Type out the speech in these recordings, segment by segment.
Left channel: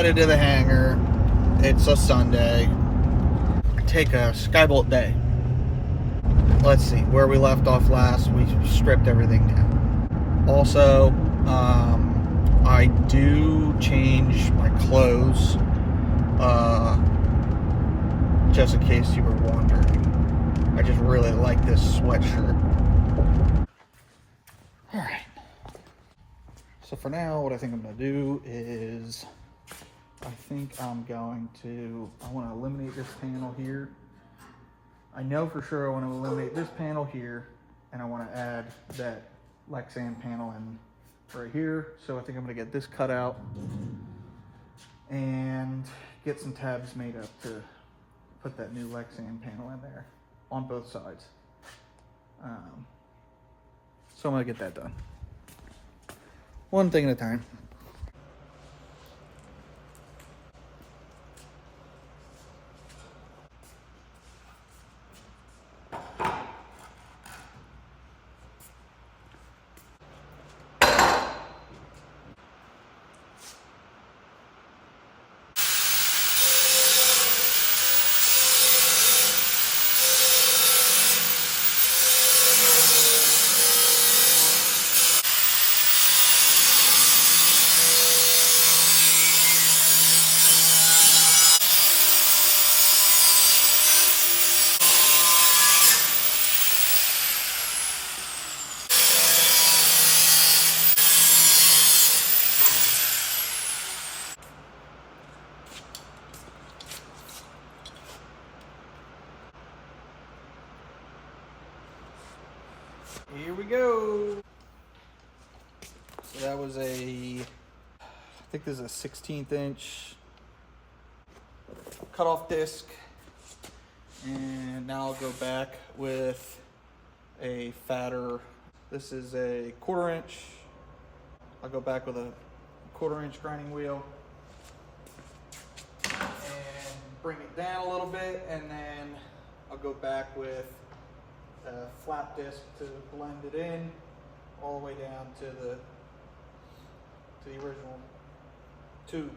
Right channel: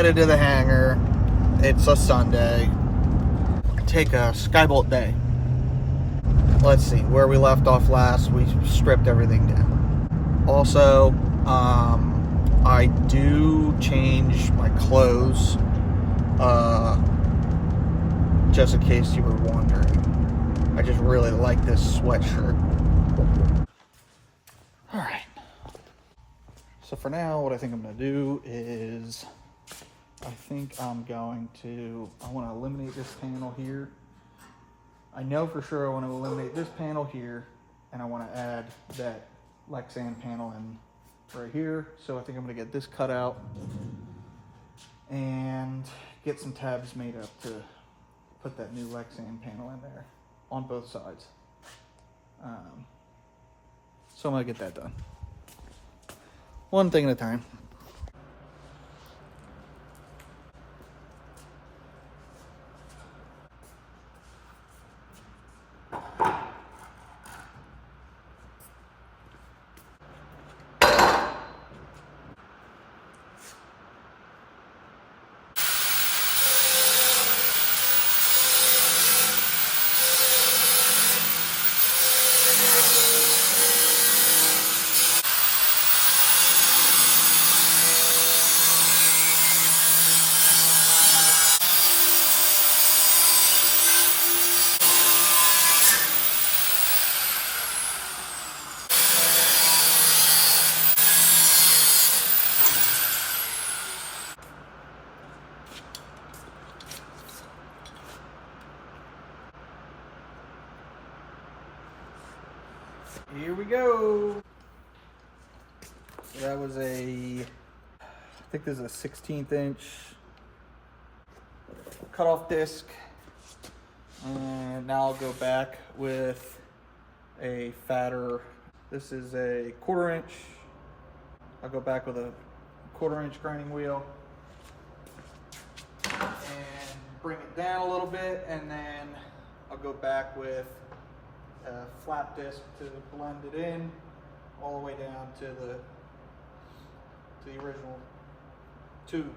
headed to the hangar. It's a Sunday. Take a Skybolt day. Let's see, where we left off last, we stripped everything down. Also, I do change my clothes, just in case you were wondering. I just really like this sweatshirt. All right. So for now, what I think I'm gonna do is, I want to eliminate this panel here. I know for sure I want to eliminate this panel here, and I want to add that Lexan panel in right here. So I think I'm going to get this cut out and get some tabs made up to put that new Lexan panel in there on both sides. So I'm going to get that done. One thing at a time. Here we go. So that was I think this is a 16th inch cutoff disc. And now I'll go back with a fatter, this is a 1/4 inch. I'll go back with a 1/4 inch grinding wheel and bring it down a little bit, and then I'll go back with a flap disc to blend it in all the way down to the original tube.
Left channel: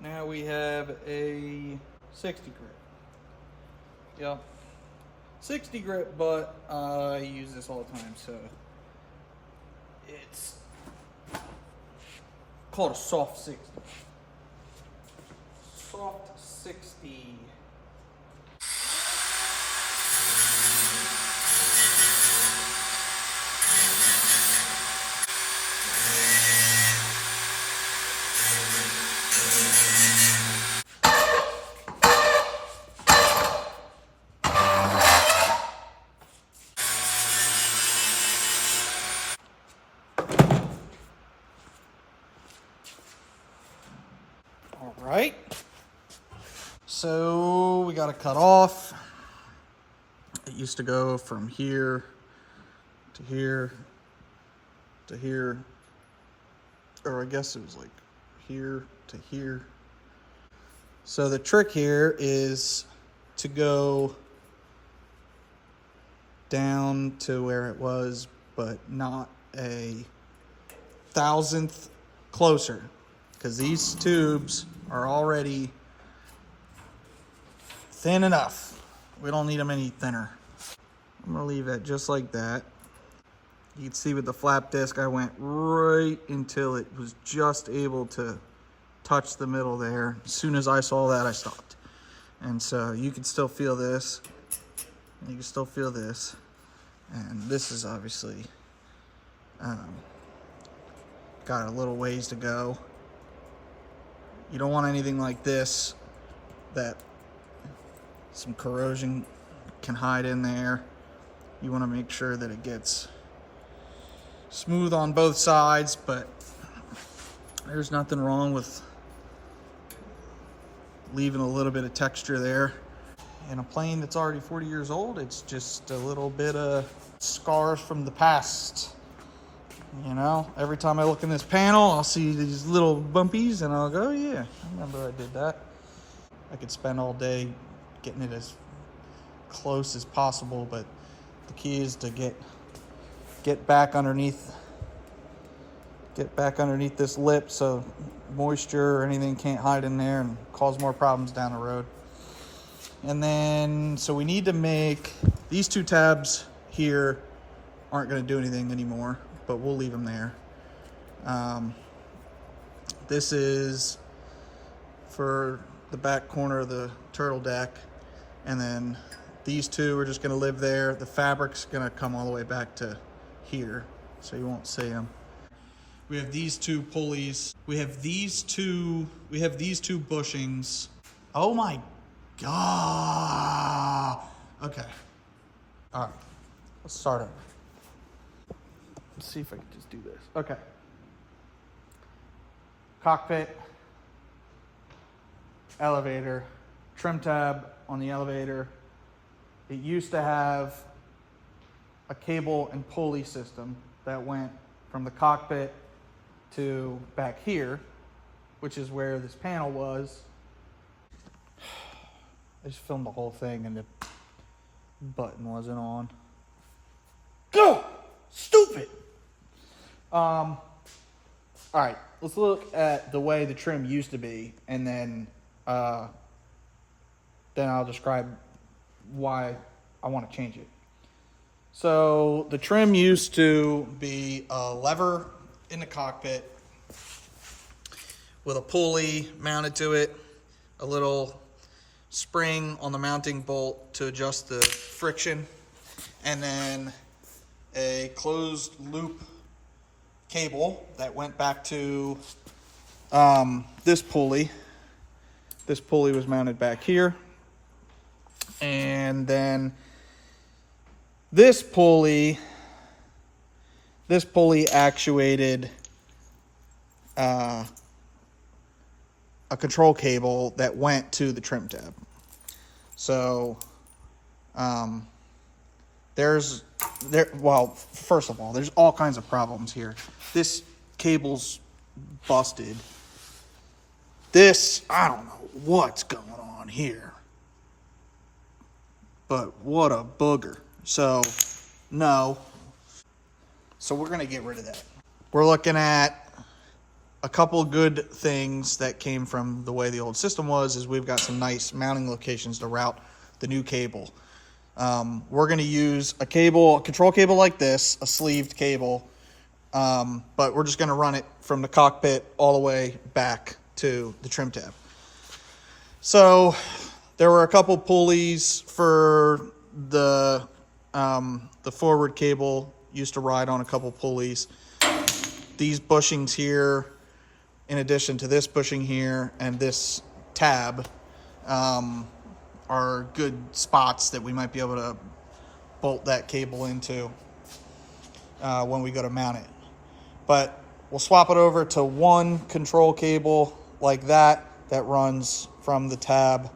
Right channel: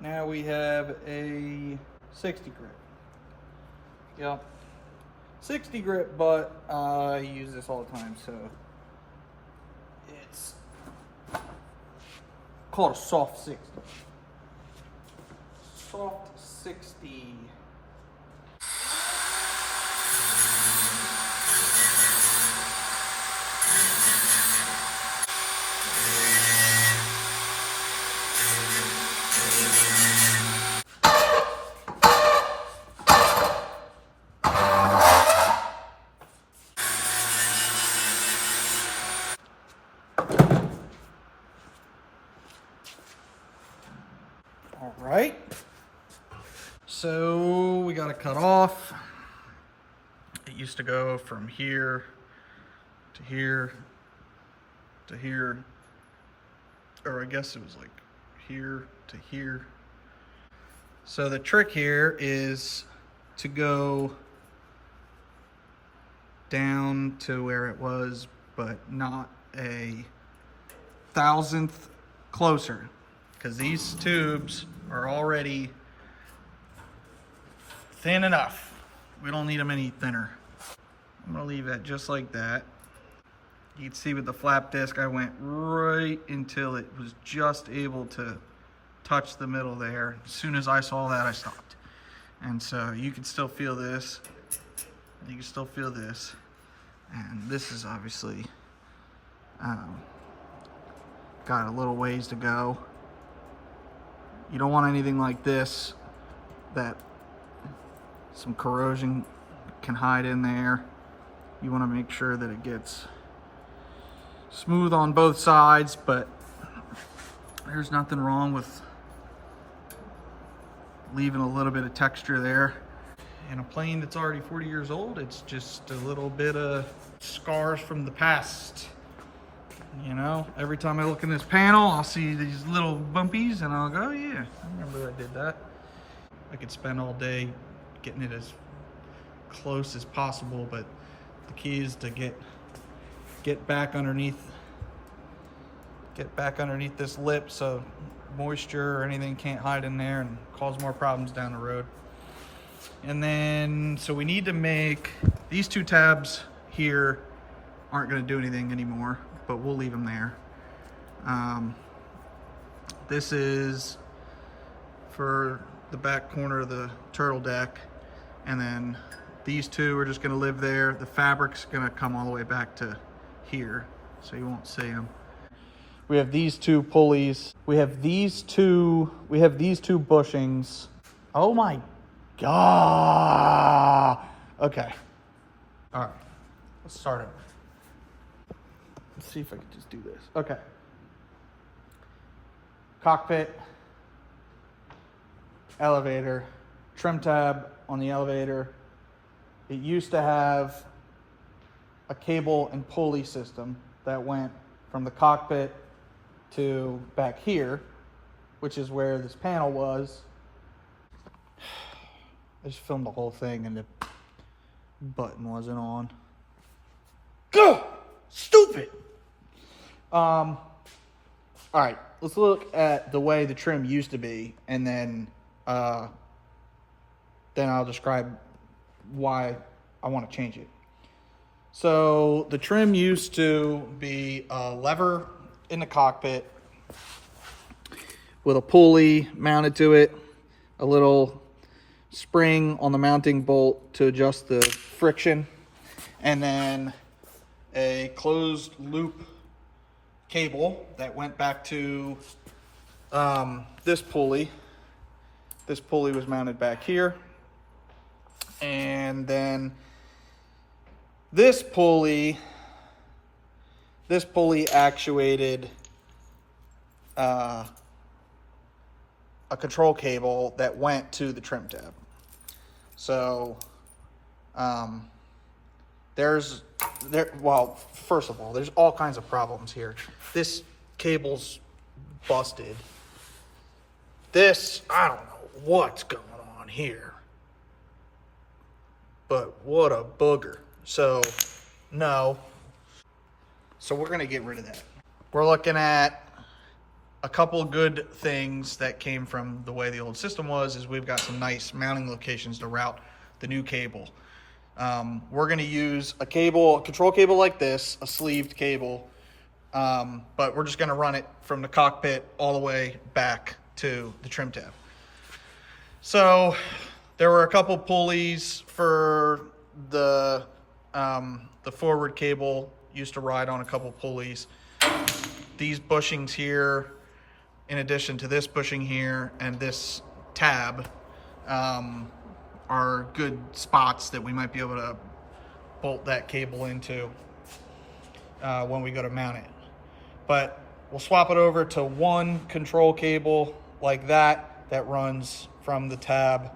Now we have a 60 grit. Yep, 60 grit, but I use this all the time, so it's called a soft 60. Soft 60. All right, so we got to cut off. It used to go from here to here to here, or I guess it was like here to here. So the trick here is to go down to where it was, but not a 1,000th closer, because these tubes are already thin enough. We don't need them any thinner. I'm gonna leave it just like that. You can see with the flap disc, I went right until it was just able to touch the middle there. As soon as I saw that, I stopped. And so you can still feel this, and you can still feel this. And this is obviously got a little ways to go. You don't want anything like this that some corrosion can hide in there. You want to make sure that it gets smooth on both sides, but there's nothing wrong with leaving a little bit of texture there. In a plane that's already 40 years old, it's just a little bit of scars from the past. You know, every time I look in this panel, I'll see these little bumpies and I'll go, oh yeah, I remember I did that. I could spend all day getting it as close as possible, but the key is to get back underneath this lip so moisture or anything can't hide in there and cause more problems down the road. And then, so we need to make these two tabs here aren't going to do anything anymore, but we'll leave them there. This is for the back corner of the turtle deck, and then these two are just going to live there. The fabric's going to come all the way back to here, so you won't see them. We have these two pulleys. We have these two bushings. Oh my God. Okay. All right. Let's start over. Let's see if I can just do this. Okay. Cockpit, elevator, trim tab on the elevator. It used to have a cable and pulley system that went from the cockpit to back here, which is where this panel was. I just filmed the whole thing and the button wasn't on. Go! Stupid! All right, let's look at the way the trim used to be, and then I'll describe why I want to change it. So the trim used to be a lever in the cockpit with a pulley mounted to it, a little spring on the mounting bolt to adjust the friction, and then a closed loop cable that went back to this pulley. This pulley was mounted back here, and then this pulley actuated a control cable that went to the trim tab. So well, first of all, there's all kinds of problems here. This cable's busted. This, I don't know what's going on here, but what a booger. So no, so we're gonna get rid of that. We're looking at a couple good things that came from the way the old system was, is we've got some nice mounting locations to route the new cable. We're going to use a control cable like this, a sleeved cable, but we're just going to run it from the cockpit all the way back to the trim tab. So there were a couple pulleys for the forward cable, used to ride on a couple pulleys. These bushings here, in addition to this bushing here and this tab, are good spots that we might be able to bolt that cable into when we go to mount it. But we'll swap it over to one control cable like that runs from the tab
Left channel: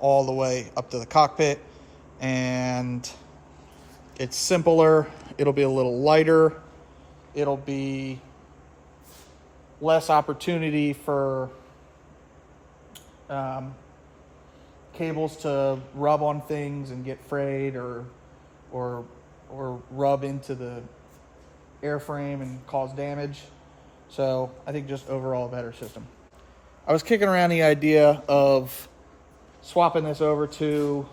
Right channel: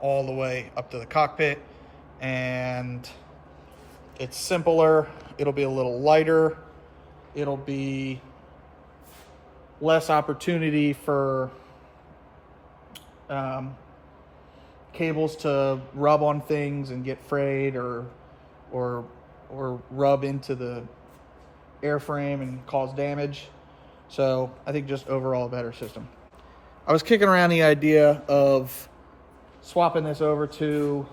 all the way up to the cockpit, and it's simpler. It'll be a little lighter. It'll be less opportunity for cables to rub on things and get frayed or rub into the airframe and cause damage. So I think just overall a better system. I was kicking around the idea of swapping this over to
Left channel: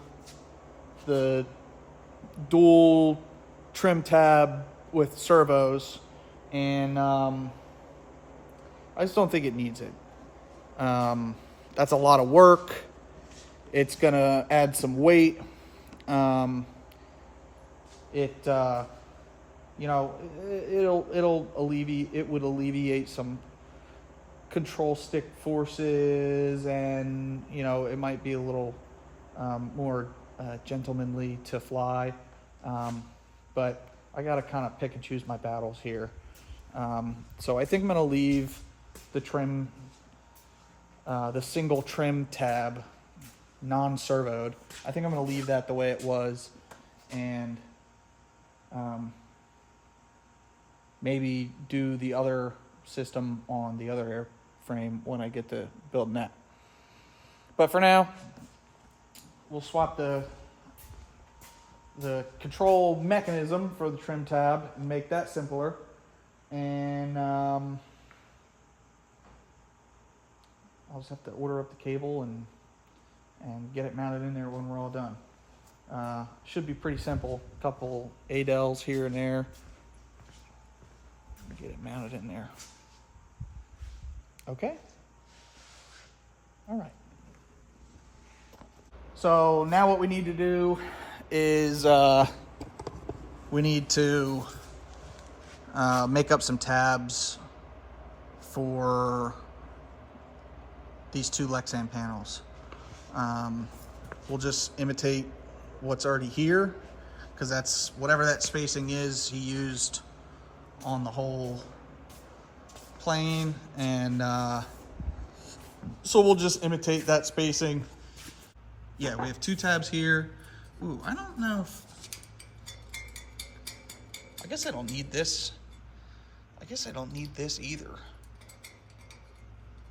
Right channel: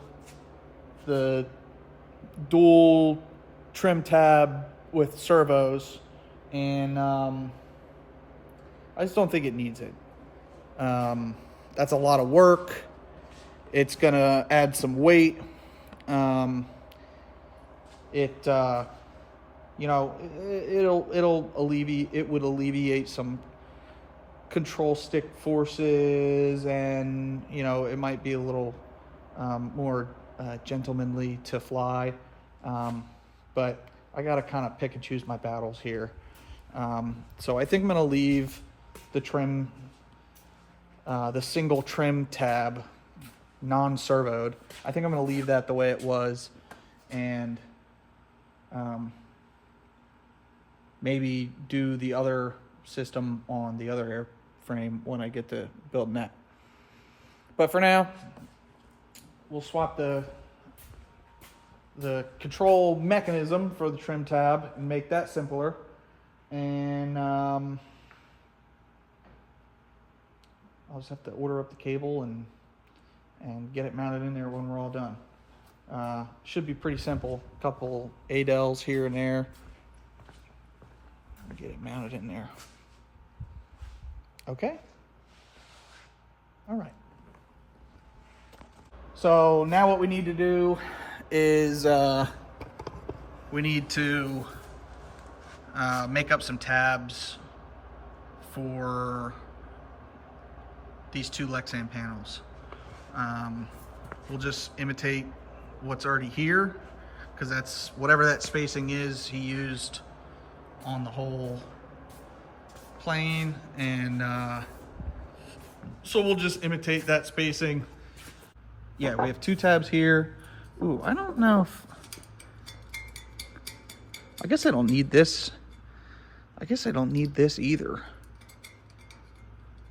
the dual trim tab with servos, and I just don't think it needs it. That's a lot of work. It's gonna add some weight. It would alleviate some control stick forces, and it might be a little more gentlemanly to fly. But I gotta kind of pick and choose my battles here. So I think I'm gonna leave the trim, the single trim tab, non-servoed. I think I'm gonna leave that the way it was, and maybe do the other system on the other airframe when I get to building that. But for now, we'll swap the control mechanism for the trim tab and make that simpler. And I'll just have to order up the cable and get it mounted in there when we're all done. Should be pretty simple. A couple ADELs here and there. Get it mounted in there. Okay. All right. So now what we need to do is we need to make up some tabs for these two Lexan panels. We'll just imitate what's already here, because that's whatever that spacing is he used on the whole plane, and so we'll just imitate that spacing. Yeah, we have two tabs here. Ooh, I don't know if, I guess I don't need this. I guess I don't need this either,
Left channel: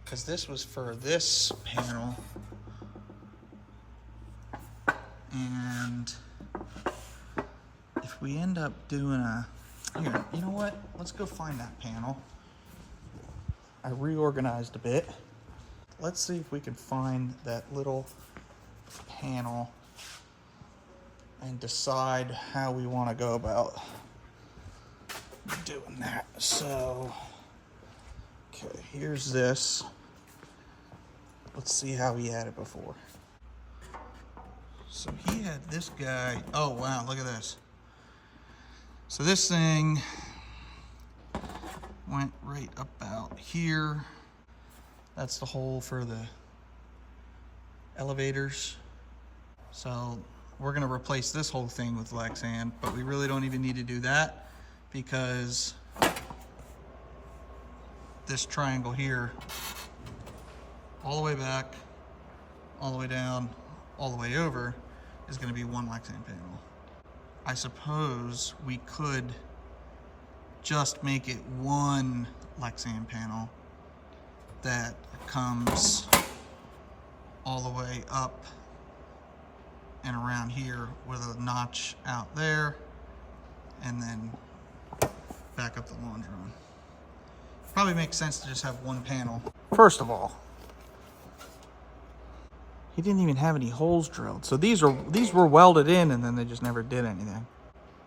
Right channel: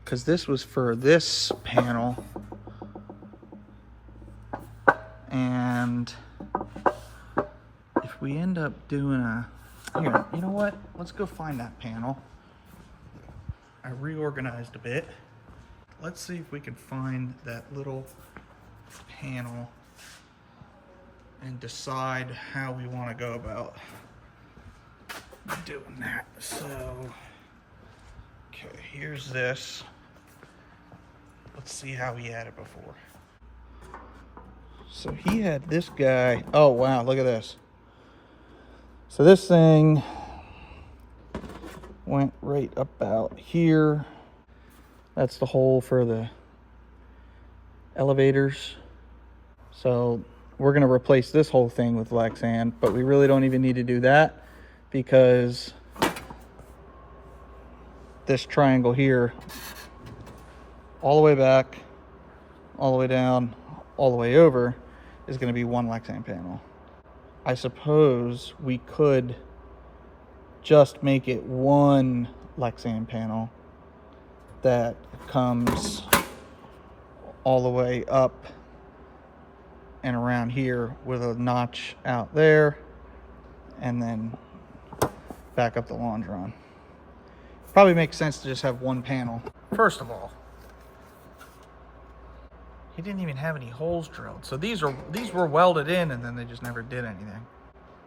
because this was for this panel. And if we end up doing here, you know what? Let's go find that panel. I reorganized a bit. Let's see if we can find that little panel and decide how we want to go about doing that. So, okay, here's this. Let's see how he had it before. So he had this guy. Oh, wow, look at this. So this thing went right about here. That's the hole for the elevators. So we're gonna replace this whole thing with Lexan, but we really don't even need to do that, because this triangle here, all the way back, all the way down, all the way over, is gonna be one Lexan panel. I suppose we could just make it one Lexan panel that comes all the way up and around here with a notch out there, and then back up the longeron. Probably makes sense to just have one panel. First of all, he didn't even have any holes drilled. So these were welded in, and then they just never did anything.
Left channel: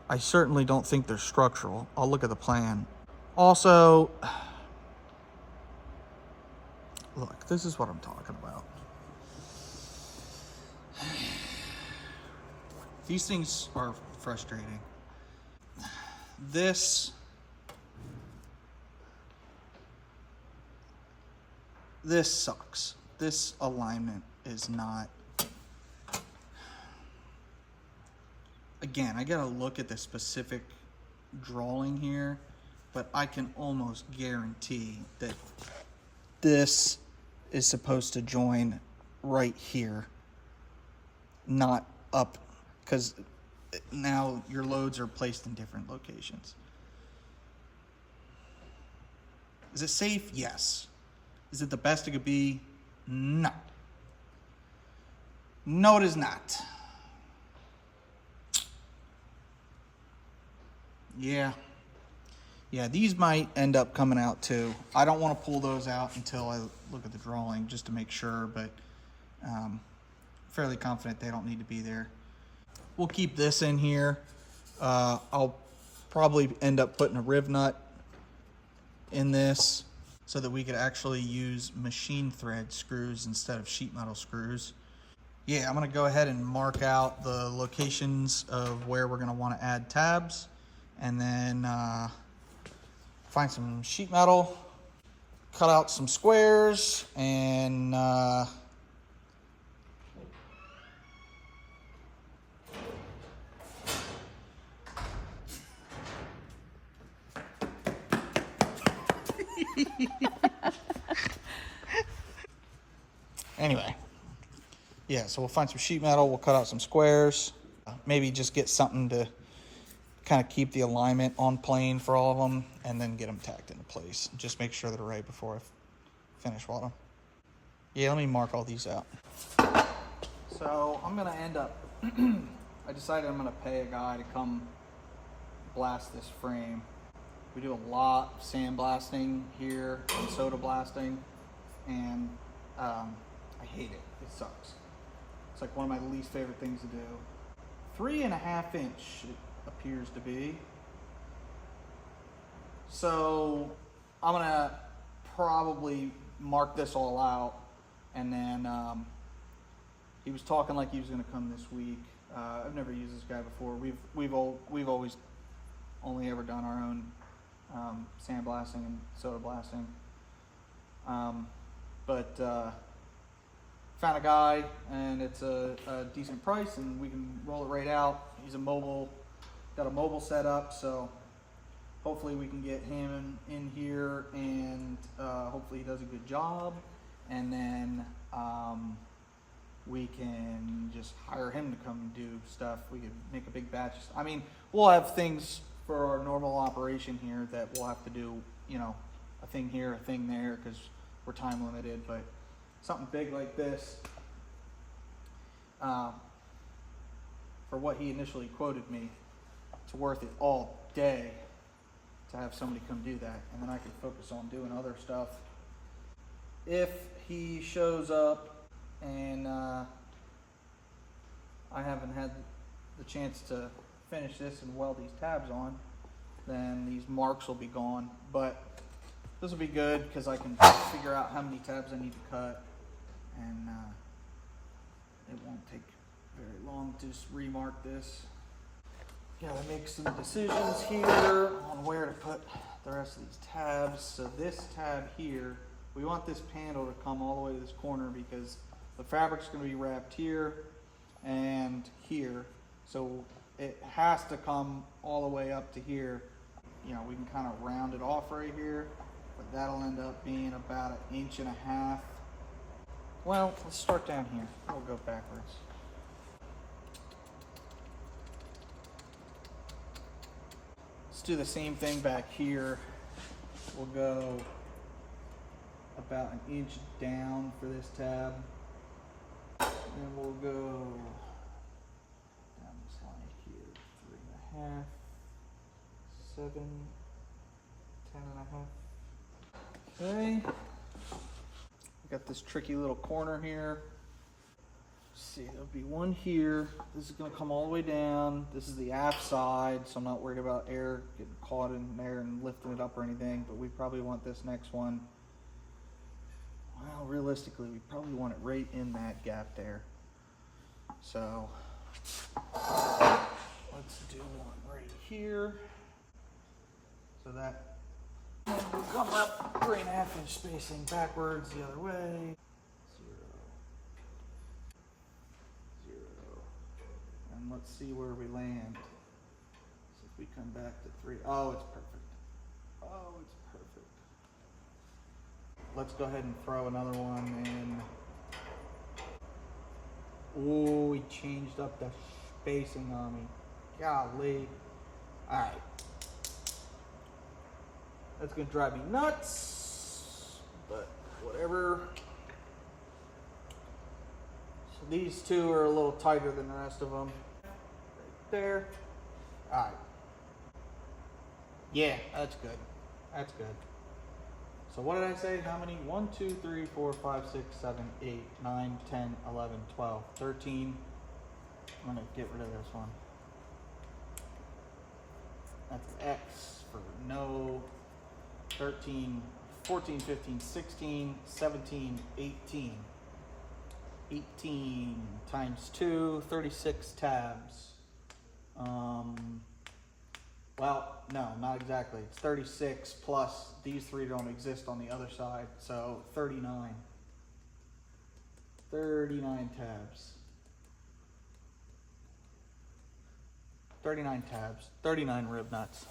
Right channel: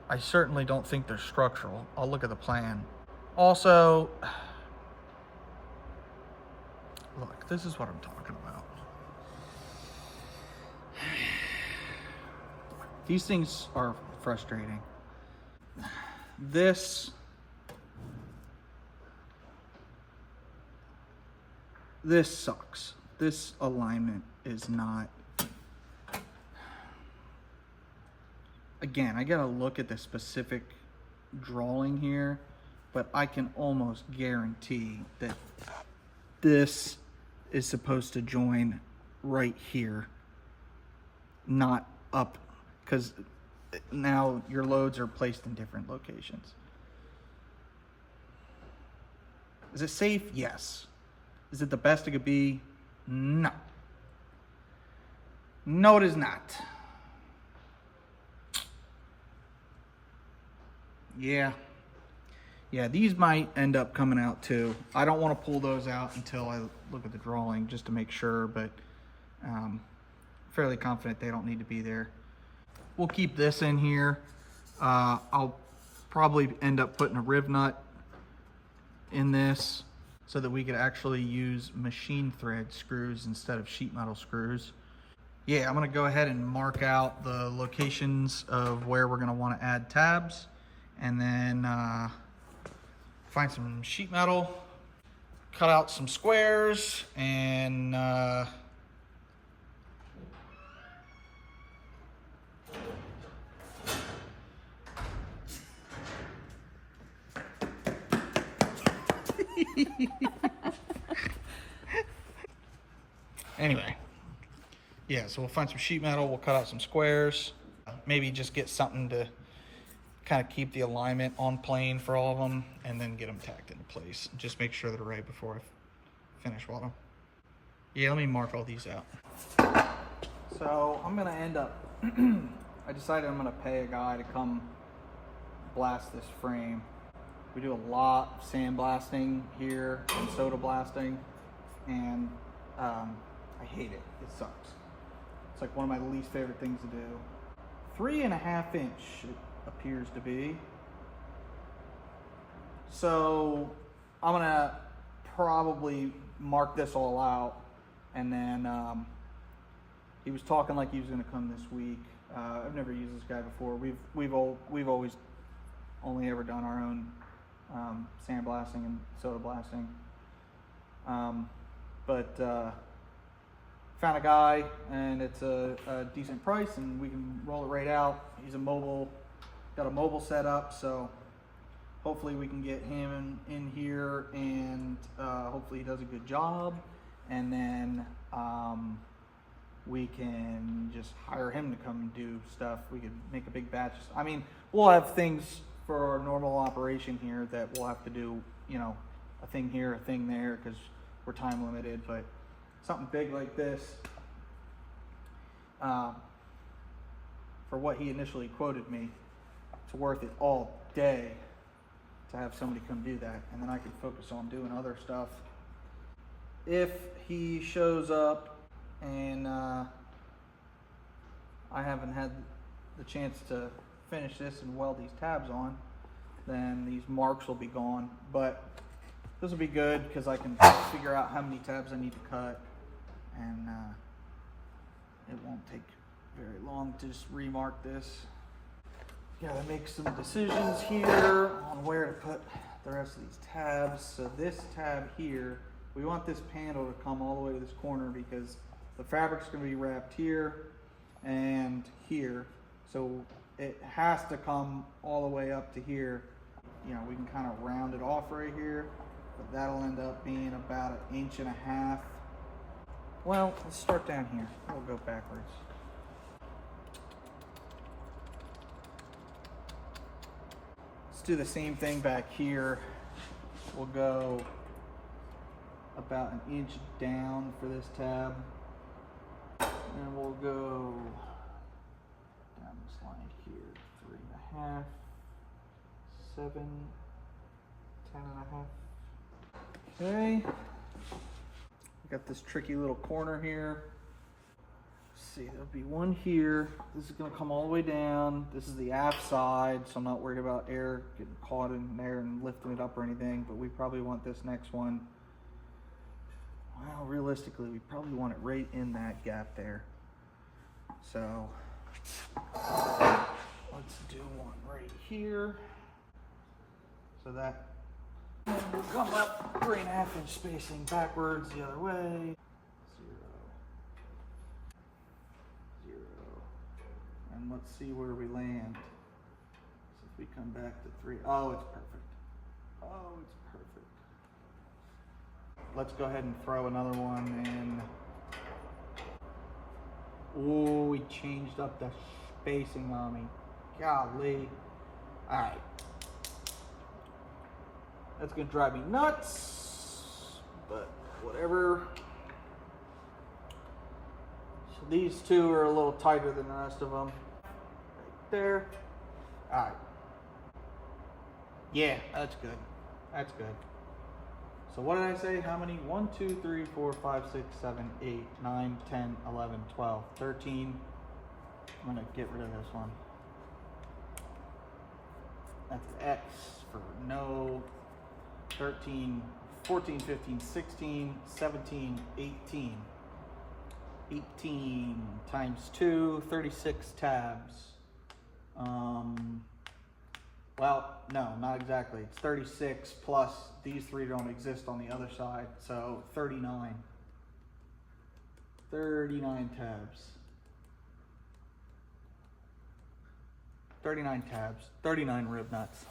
I certainly don't think they're structural. I'll look at the plan. Also, look, this is what I'm talking about. These things are frustrating. This sucks. This alignment is not. Again, I gotta look at the specific drawing here, but I can almost guarantee that this is supposed to join right here, not up, because now your loads are placed in different locations. Is it safe? Yes. Is it the best it could be? No. No, it is not. Yeah, these might end up coming out too. I don't want to pull those out until I look at the drawing just to make sure, but fairly confident they don't need to be there. We'll keep this in here. I'll probably end up putting a riv nut in this so that we could actually use machine thread screws instead of sheet metal screws. Yeah, I'm gonna go ahead and mark out the locations of where we're gonna want to add tabs, and then find some sheet metal, cut out some squares, and Anyway, yeah, so we'll find some sheet metal, we'll cut out some squares, maybe just get something to kind of keep the alignment on plane for all of them, and then get them tacked into place. Just make sure they're right before I finish welding. Yeah, let me mark all these out. So I'm gonna end up, I decided I'm gonna pay a guy to come blast this frame. We do a lot of sandblasting here and soda blasting, and I hate it. It sucks. It's like one of my least favorite things to do. 3.5 inch it appears to be. So I'm gonna probably mark this all out, and then he was talking like he was gonna come this week. I've never used this guy before. We've always only ever done our own sandblasting and soda blasting. But found a guy, and it's a decent price, and we can roll it right out. He's got a mobile setup, so hopefully we can get him in here, and hopefully he does a good job, and then we can just hire him to come and do stuff. We could make a big batch. I mean, we'll have things for our normal operation here that we'll have to do, you know, a thing here, a thing there, because we're time limited, but something big like this, for what he initially quoted me, it's worth it all day to have somebody come do that, and then I can focus on doing other stuff. If he shows up and I haven't had the chance to finish this and weld these tabs on, then these marks will be gone, but this will be good because I can figure out how many tabs I need to cut, and it won't take very long to just remark this. Gotta make some decisions here on where to put the rest of these tabs. So this tab here, we want this panel to come all the way to this corner because the fabric's gonna be wrapped here and here. So it has to come all the way up to here. You know, we can kind of round it off right here, but that'll end up being about 1.5 inches. Well, let's start down here. We'll go backwards. Let's do the same thing back here. We'll go about 1 inch down for this tab. And we'll go down this line here, 3.5, 7, 10.5. Okay. Got this tricky little corner here. Let's see, there'll be one here. This is gonna come all the way down. This is the aft side, so I'm not worried about air getting caught in there and lifting it up or anything, but we probably want this next one. Well, realistically, we probably want it right in that gap there. So let's do one right here. So that will come up 3.5 inch spacing backwards the other way. 0, 0. And let's see where we land. So if we come back to 3, oh, it's perfect. Oh, it's perfect. Let's go ahead and throw another one in. Oh, we changed up the spacing on me. Golly. All right. That's gonna drive me nuts, but whatever. So these two are a little tighter than the rest of them. Right there. All right. Yeah, that's good. That's good. So what did I say? How many? 1, 2, 3, 4, 5, 6, 7, 8, 9, 10, 11, 12, 13. I'm gonna get rid of this one. That's X for no. 13, 14, 15, 16, 17, 18. 18 times 2, 36 tabs. Well, no, not exactly. It's 36 plus these 3 don't exist on the other side, so 39. 39 tabs. 39 tabs, 39 rib nuts.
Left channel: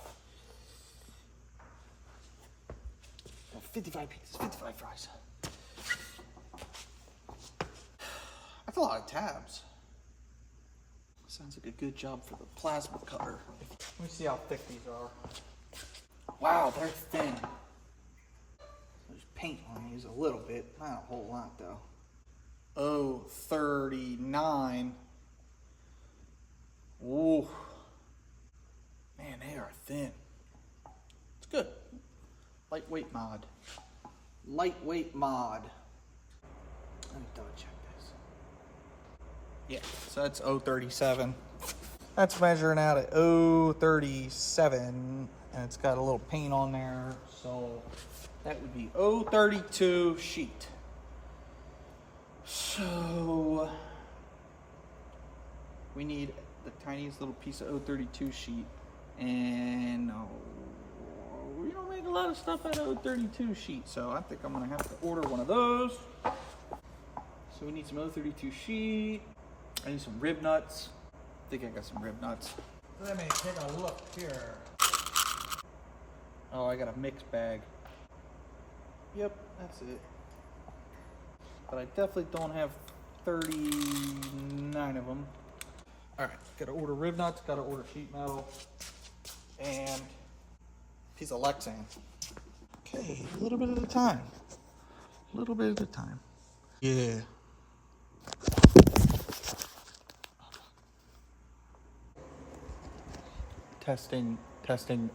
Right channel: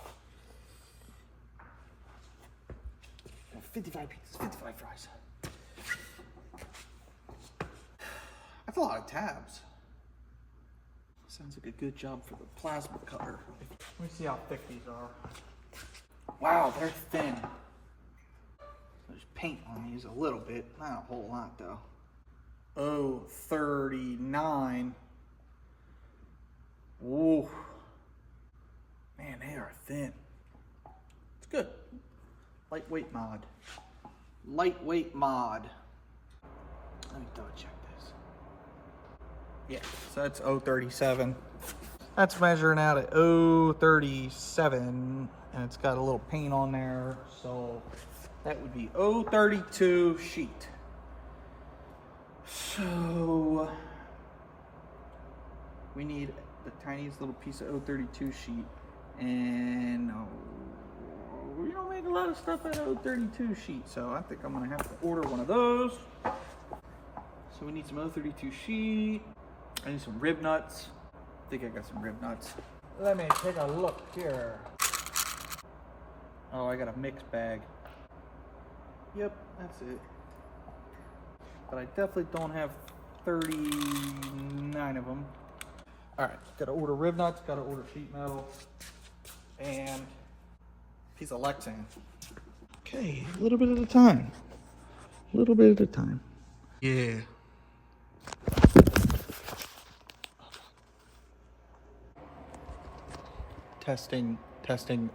55 pieces, 55 fries. That's a lot of tabs. Sounds like a good job for the plasma cutter. Let me see how thick these are. Wow, they're thin. There's paint on these a little bit, not a whole lot though. Oh, 39. Ooh. Man, they are thin. It's good. Lightweight mod. Lightweight mod. Let me double check this. Yeah, so that's 037. That's measuring out at 037, and it's got a little paint on there, so that would be 032 sheet. So we need the tiniest little piece of 032 sheet, and we don't make a lot of stuff out of 032 sheet, so I think I'm gonna have to order one of those. So we need some 032 sheet. I need some rib nuts. I think I got some rib nuts. Let me take a look here. Oh, I got a mixed bag. Yep, that's it. But I definitely don't have 39 of them. All right, gotta order rib nuts, gotta order sheet metal, and a piece of Lexan. Okay, a little bit at a time. A little bit at a time. Yeah. Testing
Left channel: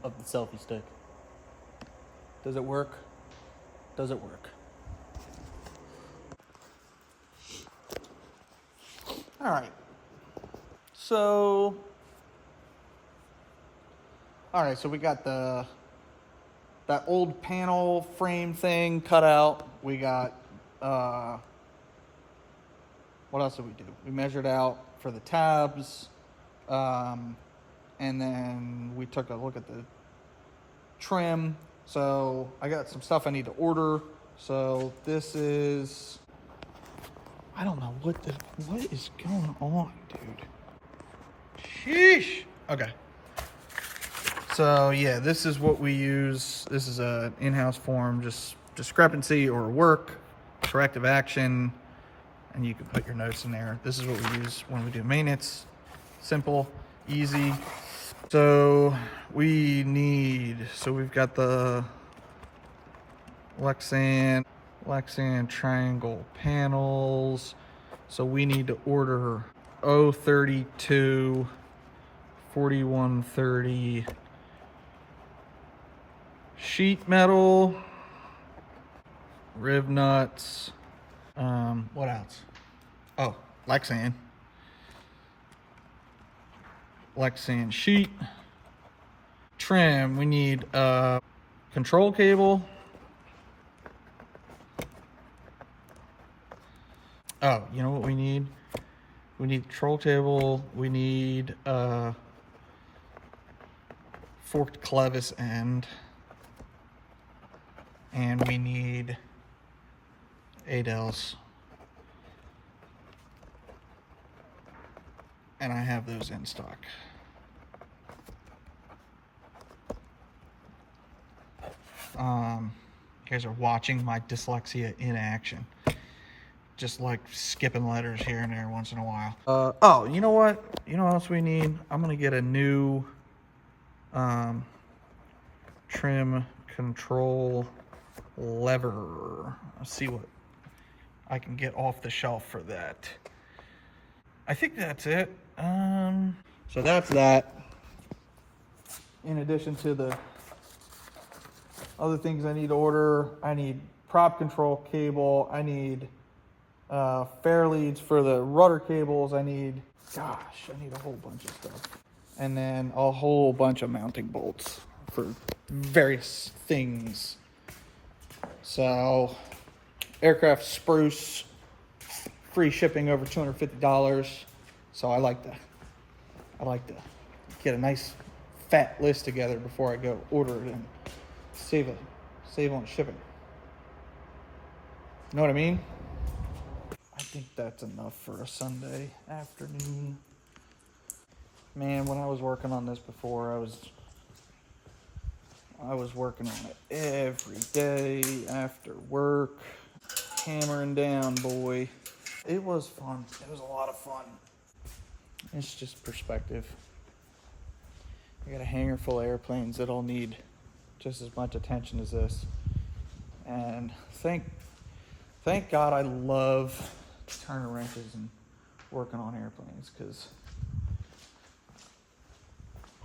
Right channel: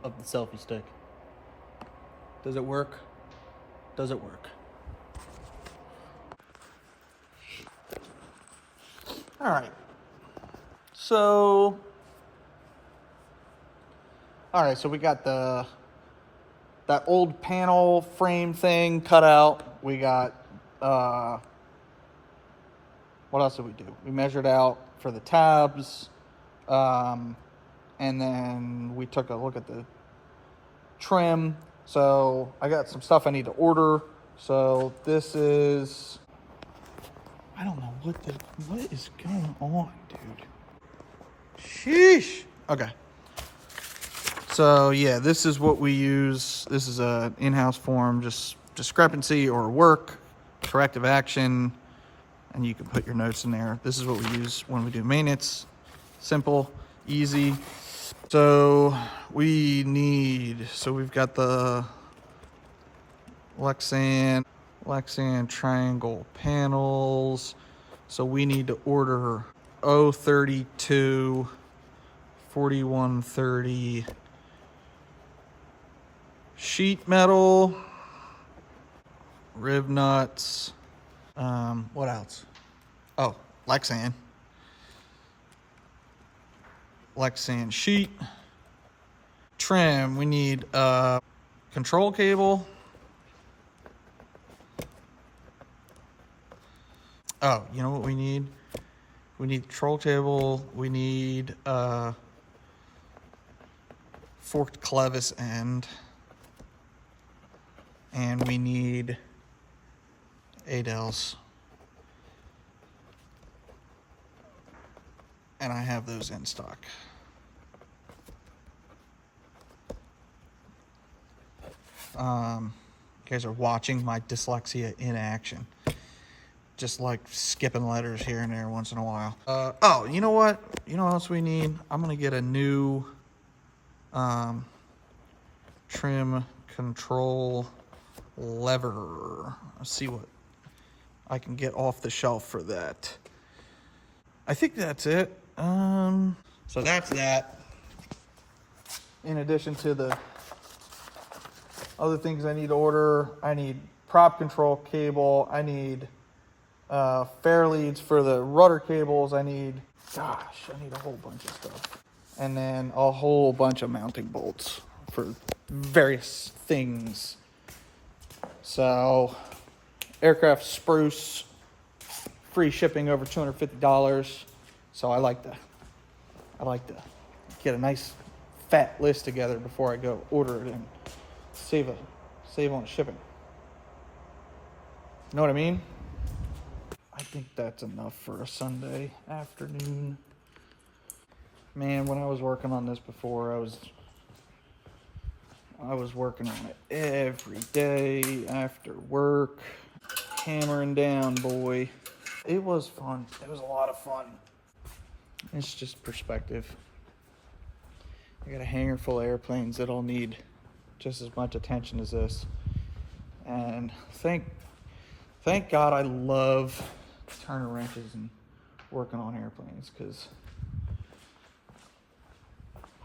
of the selfie stick. Does it work? Does it work? All right. So we got that old panel frame thing cut out. We got what else did we do? We measured out for the tabs. And then we took a look at the trim. So I got some stuff I need to order. So this is, I don't know what is going on, dude. Sheesh. Okay. So yeah, this is what we use. This is an in-house form, just discrepancy or work, corrective action, and you can put your notes in there. This is what we use when we do maintenance. Simple, easy. So we've got the Lexan triangle panels. So we need to order 032, 4130 sheet metal, rib nuts, what else? Oh, Lexan sheet, trim. We need a control cable. Oh, you know what we need? We need control cable. We need a forked clevis end, and we need ADELs. And I have those in stock. You guys are watching my dyslexia in action. Just like skipping letters here and there once in a while. Oh, you know what? You know what else we need? I'm gonna get a new trim control lever. Let's see what I can get off the shelf for that. I think that's it. So that's that. In addition to the other things I need to order, I need prop control cable. I need fair leads for the rudder cables. I need a whole bunch of stuff. And then a whole bunch of mounting bolts for various things. So, aircraft spruce, free shipping over $250. So I like to get a nice fat list together before I go order it and save on shipping. You know what I mean? I think that's enough for a Sunday afternoon. Man, when I was working on this before, I was working on it every day after work, hammering down, boy. It was fun. It was a lot of fun. It's just perspective. I got a hangar full of airplanes that all need just as much attention as this. And thank God I love turning wrenches and working on airplanes, because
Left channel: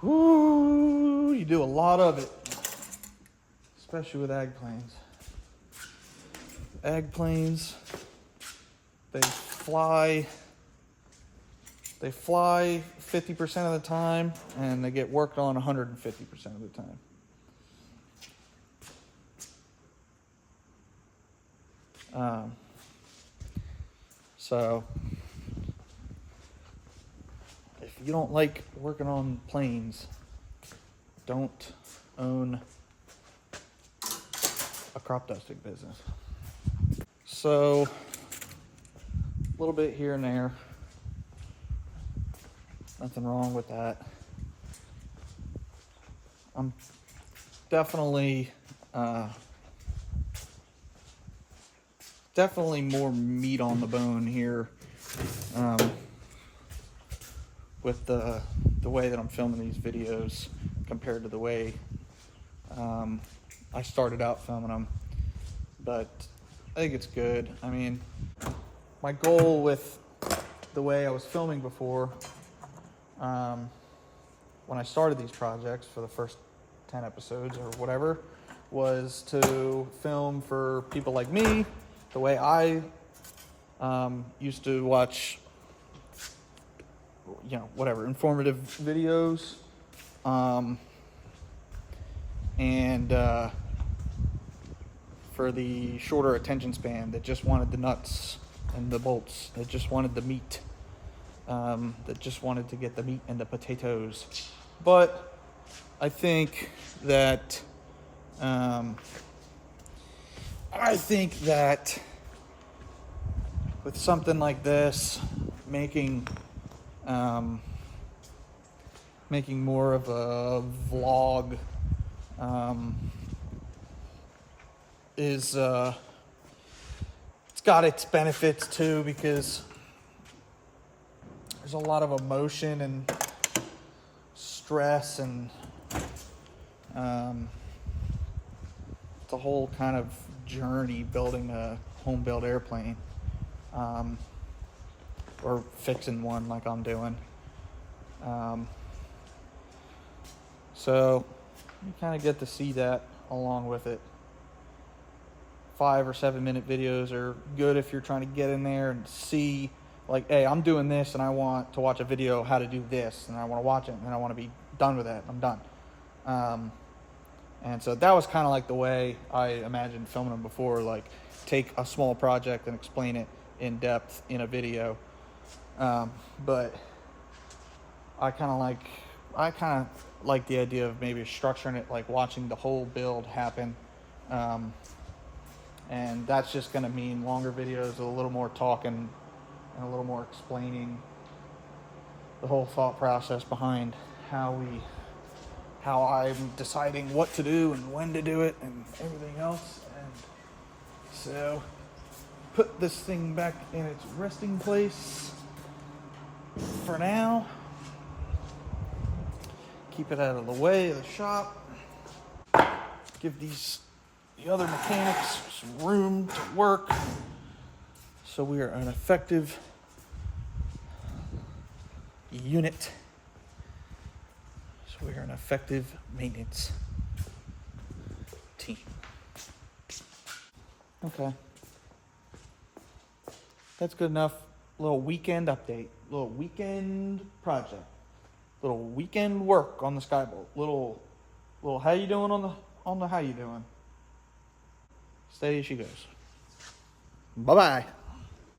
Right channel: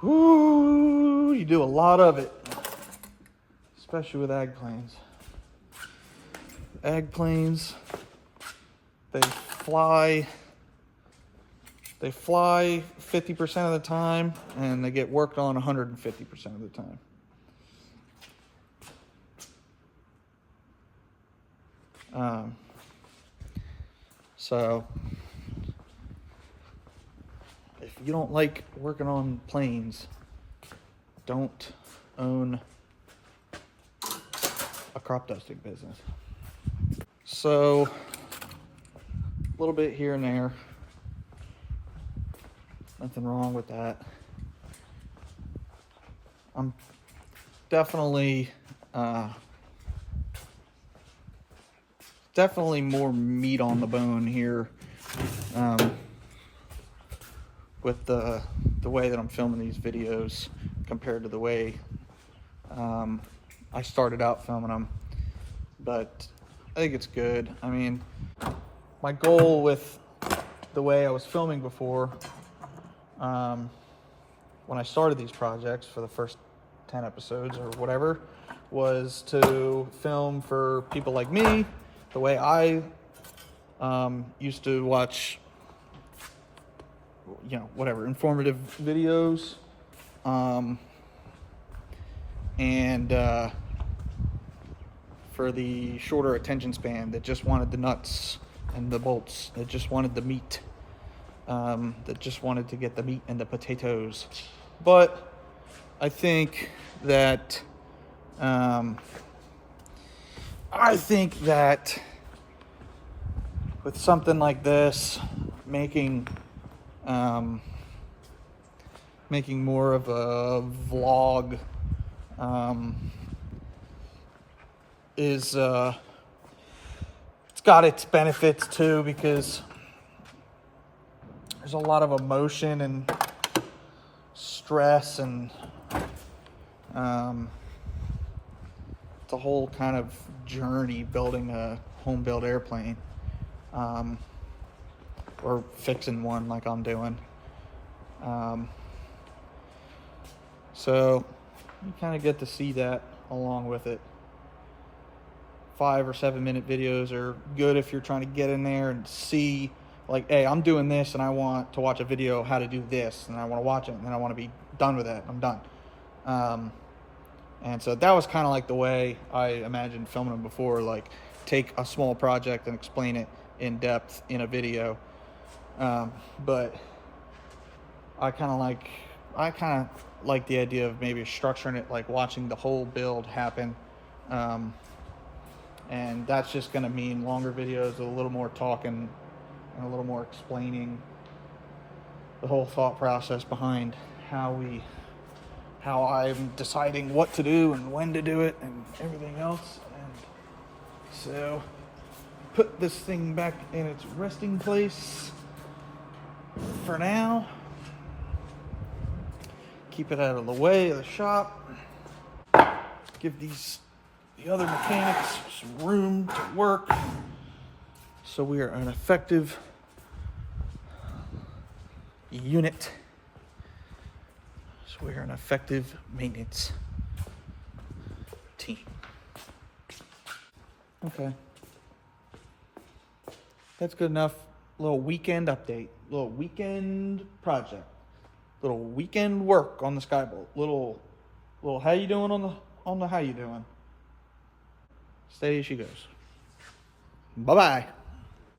you do a lot of it, especially with ag planes. Ag planes, they fly 50% of the time, and they get worked on 150% of the time. So if you don't like working on planes, don't own a crop dusting business. So a little bit here and there, nothing wrong with that. I'm definitely more meat on the bone here with the way that I'm filming these videos compared to the way I started out filming them. But I think it's good. I mean, my goal with the way I was filming before, when I started these projects for the first 10 episodes or whatever, was to film for people like me, the way I used to watch, whatever, informative videos, and for the shorter attention span that just wanted the nuts and the bolts, that just wanted the meat, that just wanted to get the meat and the potatoes. But I think that with something like this, making more of a vlog it's got its benefits too, because there's a lot of emotion and stress, and it's a whole kind of journey building a home-built airplane, or fixing one like I'm doing. So you kind of get to see that along with it. 5 or 7 minute videos are good if you're trying to get in there and see, like, hey, I'm doing this and I want to watch a video how to do this, and I want to watch it and then I want to be done with it. I'm done. And so that was kind of like the way I imagined filming them before, like take a small project and explain it in depth in a video. But I kind of like the idea of maybe structuring it, like watching the whole build happen. And that's just going to mean longer videos, a little more talking and a little more explaining the whole thought process behind how I'm deciding what to do and when to do it and everything else. And so put this thing back in its resting place for now. Keep it out of the way of the shop. Give the other mechanics some room to work, so we are an effective unit. So we are an effective maintenance team. Okay. That's good enough. Little weekend update. Little weekend project. Little weekend work on the Skybolt. Little how you doing on the how you doing? Steady as she goes. Bye-bye.